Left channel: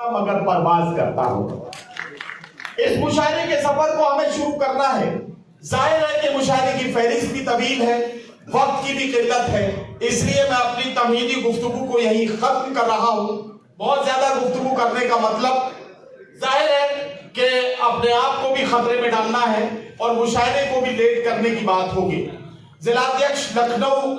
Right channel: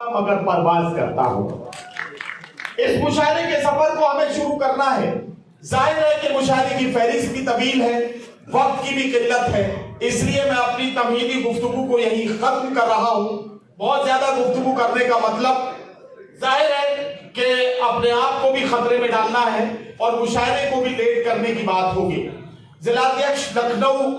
मगर परवाज करता हूं। इस मुशायरे के सफर को हमें शुरू करना है। जाहिर है कि मुशायरे की फहरिस्त भी तवील है, वक्त की भी किल्लत है, इसलिए मैं अपनी तमहीदी गुफ्तगू को यही खत्म कर रहा हूं। बहुत ज्यादा गुफ्तगू करने का मतलब जाहिर है कि अपने आप को भी खतरे में डालना है और मुशायरे को भी लेट करने की बात होगी। जिलाध्यक्ष लखनऊ,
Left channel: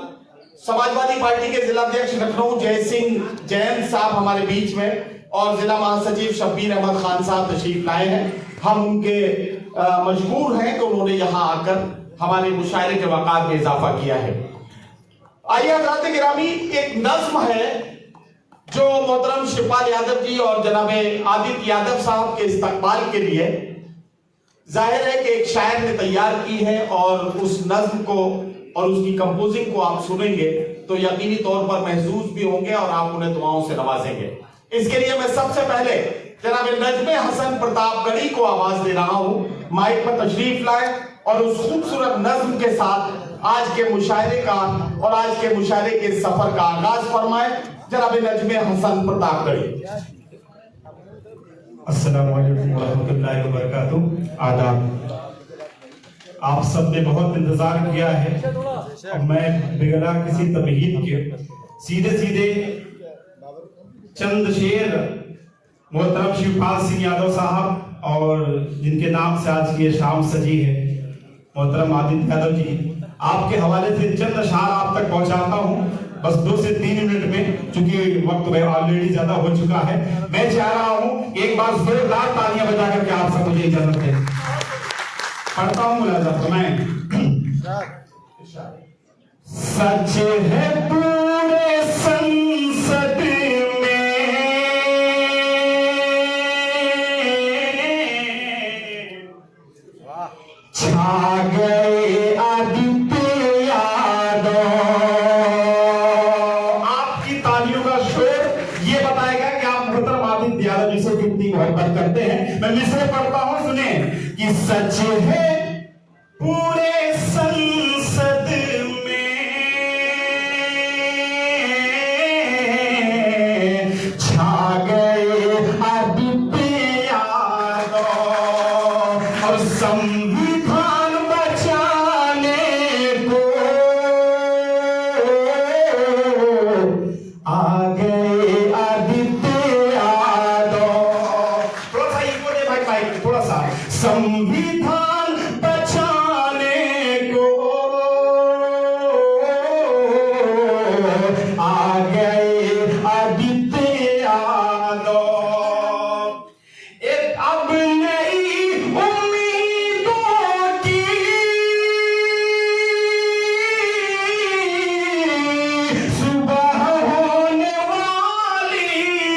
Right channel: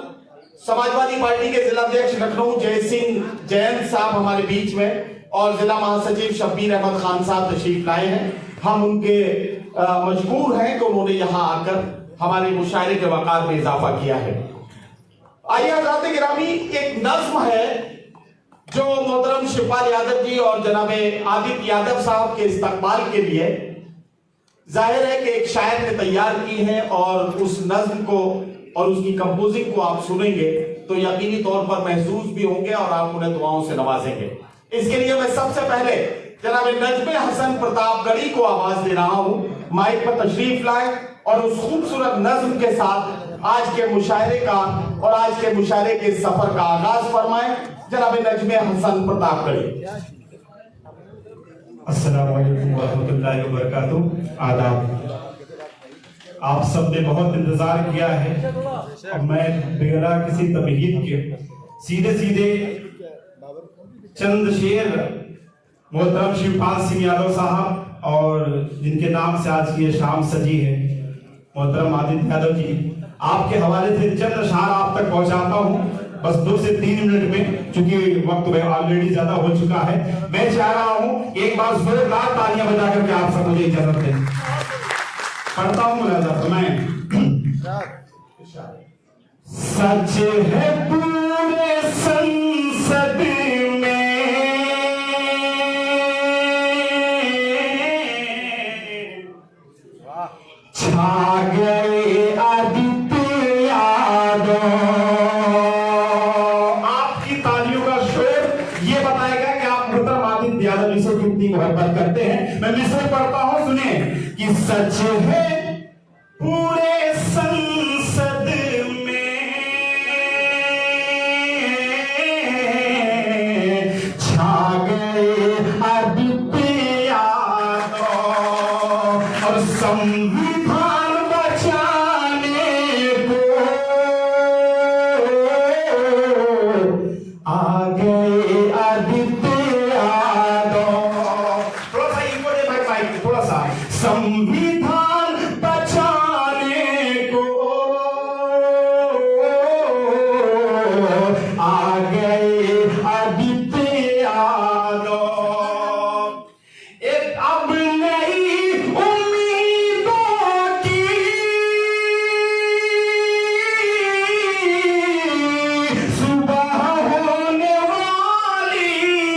समाजवादी पार्टी के जिलाध्यक्ष लखनऊ जय सिंह जैन साहब हमारे बीच में और जिला महासचिव शब्बीर अहमद खान साहब तशरीफ लाए हैं। हम उनके मजबूर हैं कि उन्होंने यहाँ आकर हमारे मुशायरे के वक़ार में इजाफा किया है। आइए हज़रात गिरामी, एक नज्म है जो मोहतरम शिवपाल यादव जी और जनाब आदित्य यादव साहब के इस्तकबाल के लिए जाहिर है कि एक शायर ने तैयार की है और उस नज्म को और उसकी कंपोजिंग को आप सुनेंगे तो यकीनी तौर पर महसूस भी होंगे और आप उन्हें दुआओं से नवाजेंगे। इसके लिए मैं सबसे पहले जनाब नजमे हसन प्रतापगढ़ी को आवाज दे रहा हूं, माइक पर तशरीफ लाए और उस खूबसूरत नज्म के साथ आज के मुशायरे का और आज के मुशायरे के सफर का आगाज फरमाए। जनाब नजमे हसन प्रतापगढ़ी। अस्सलामु अलैकुम वरहमतुल्लाहि वबरकातुहू। आदाब। आप सब ने बहुत इंतजार किया है और मैं बिगड़ा किसी तमहीद के सीधे सीधे चंद शेर मोहतरम शिवपाल सिंह यादव साहब और जिनके नाम से आज की ये शाम सजी है, मोहतरम आदित्य यादव जी, आपके हवाले से चंद अशार आप तक पहुंचाता हूं बस 2 से 3 मिनट में, चूंकि वक्त ऑलरेडी ज्यादा हो चुका है। मैं चाह रहा हूं एक बार जोरदार तालियां बजा करके आप सब मुझे इजाजत दें। पढ़ता हूं, मुलाजा सुनाएं। सच है पूरे संसद में छा गए आदित्य यादव। आपकी तालियों का शोर ये बताएगा कि आप मोहतरम आदित्य यादव जी से कितनी मोहब्बत करते हैं। मैं मिसरे पढ़ता हूं, सुनिए कि सच है पूरे संसद में छा गए आदित्य यादव और संविधान बचाने को आ गए आदित्य यादव। थोड़ा सा इनको देखा भाई, थोड़ा सा संविधान बचाने को आ गए आदित्य यादव। एक अब नई उम्मीदों की सुबह होने वाली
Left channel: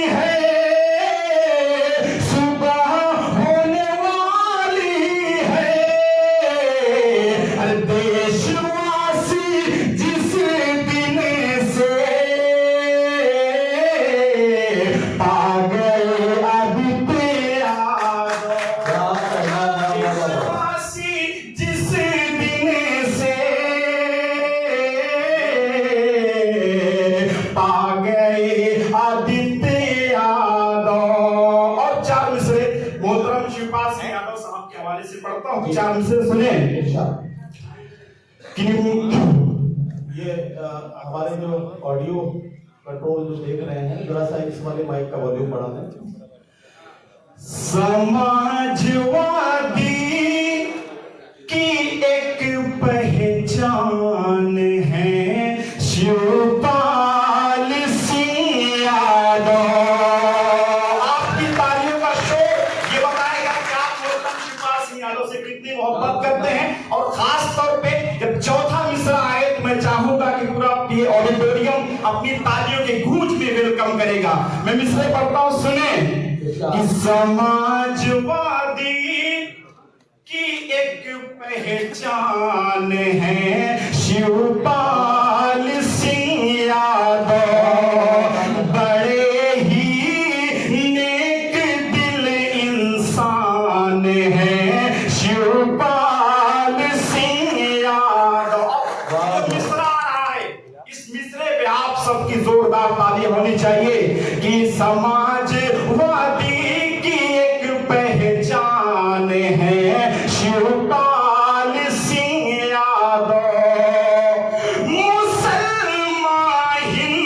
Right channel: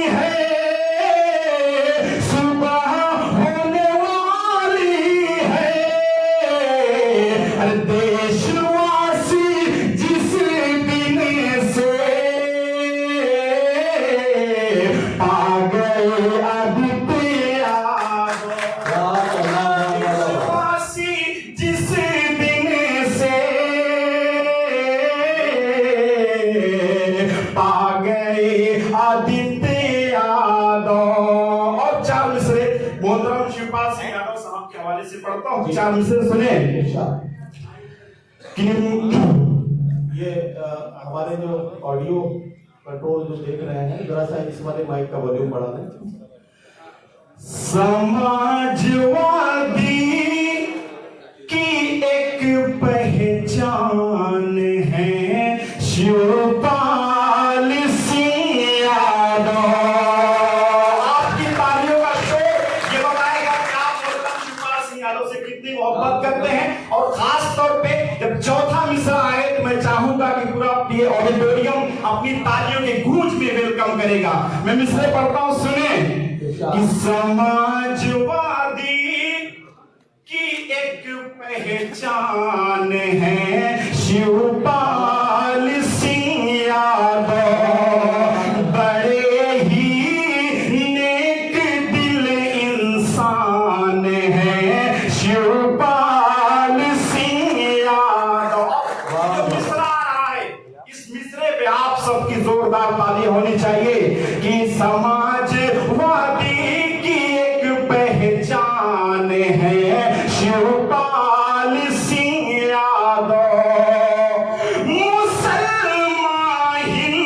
है, सुबह होने वाली है। देशवासी जिस दिन से पा गए आदित्य यादव, देशवासी जिस दिन से पा गए आदित्य यादव। और 4 मिसरे मोहतरम शिवपाल सिंह यादव साहब के हवाले से पढ़ता हूँ, 4 मिसरे सुने। ये हमारे जो ऑडियो कंट्रोल जो देख रहे हैं, जरा सा इस वाले माइक का वॉल्यूम बढ़ा दें। समाजवादी की एक पहचान है शिवपाल सिंह यादव। आपकी तालियों का शोर ये बताएगा कि आप मोहतरम शिवपाल सिंह यादव से कितनी मोहब्बत करते हैं। और खास तौर पे जब चौथा मिसरा आए तो मैं चाहूंगा कि पूरा ये ऑडिटोरियम अपनी तालियों के गूंज में वेलकम करेगा। मैं मिसरे पढ़ता हूं, सुने कि समाजवादी की एक पहचान है शिवपाल सिंह यादव। बड़े ही नेक दिल इंसान है शिवपाल सिंह यादव। मिसरा आए, इस मिसरे पे आप सबकी जोरदार ताली होनी चाहिए कि समाजवादी हिंद